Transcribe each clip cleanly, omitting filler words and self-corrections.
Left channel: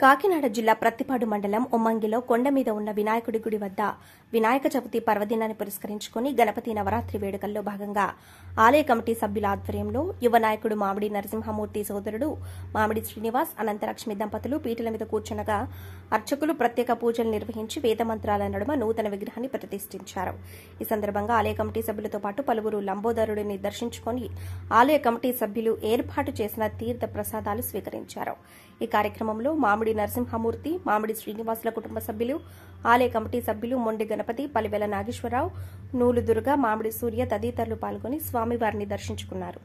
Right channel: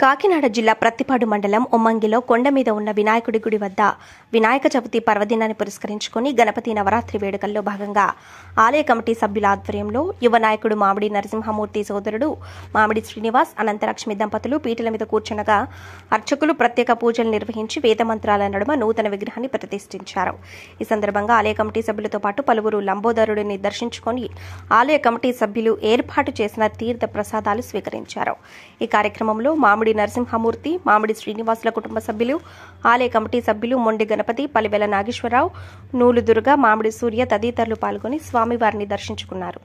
కాకినాడ జిల్లా ప్రత్తిపాడు మండలం ఉమ్మంగిలో కొండ మీద ఉన్న వినాయకుడి గుడి వద్ద వినాయక చవితి పర్వదినాన్ని పురస్కరించుకుని గణపతి నవరాత్రి వేడుకల్లో భాగంగా ఆలయ కమిటీ సభ్యుల ఆధ్వర్యంలో యువ నాయకుడు మామిడి నరసింహమూర్తి సోదరుడు మామిడి శ్రీనివాస్ అనంతలక్ష్మి దంపతులు పీటల మీద కూర్చునగా అర్చకులు ప్రత్యేక పూజలు నిర్వహించి వేదమంత్రాల నడుమ నూతన విగ్రహాన్ని ప్రతిష్ఠించారు. ఈ సందర్భంగా ఆలయ కమిటీ సభ్యులతో పాటు పలువురు లంబోదరుడిని దర్శించుకుని ఆలయ కమిటీ సభ్యులు ఏర్పాటు చేసిన తీర్థ ప్రసాదాలు స్వీకరించారు. ఈ కార్యక్రమంలో మామిడి నరసింహమూర్తి, మామిడి శ్రీనివాసుల కుటుంబ సభ్యులు, ఆలయ కమిటీ సభ్యులు మొండి గణపతి, పలివెల నాగేశ్వరరావు, నూలు దుర్గ, మామిడి సూర్య తదితరులు పాల్గొని స్వామివారిని దర్శించుకున్నారు.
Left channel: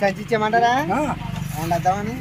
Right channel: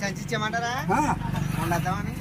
సచిచ్చేమంటారా ఉండద్దామని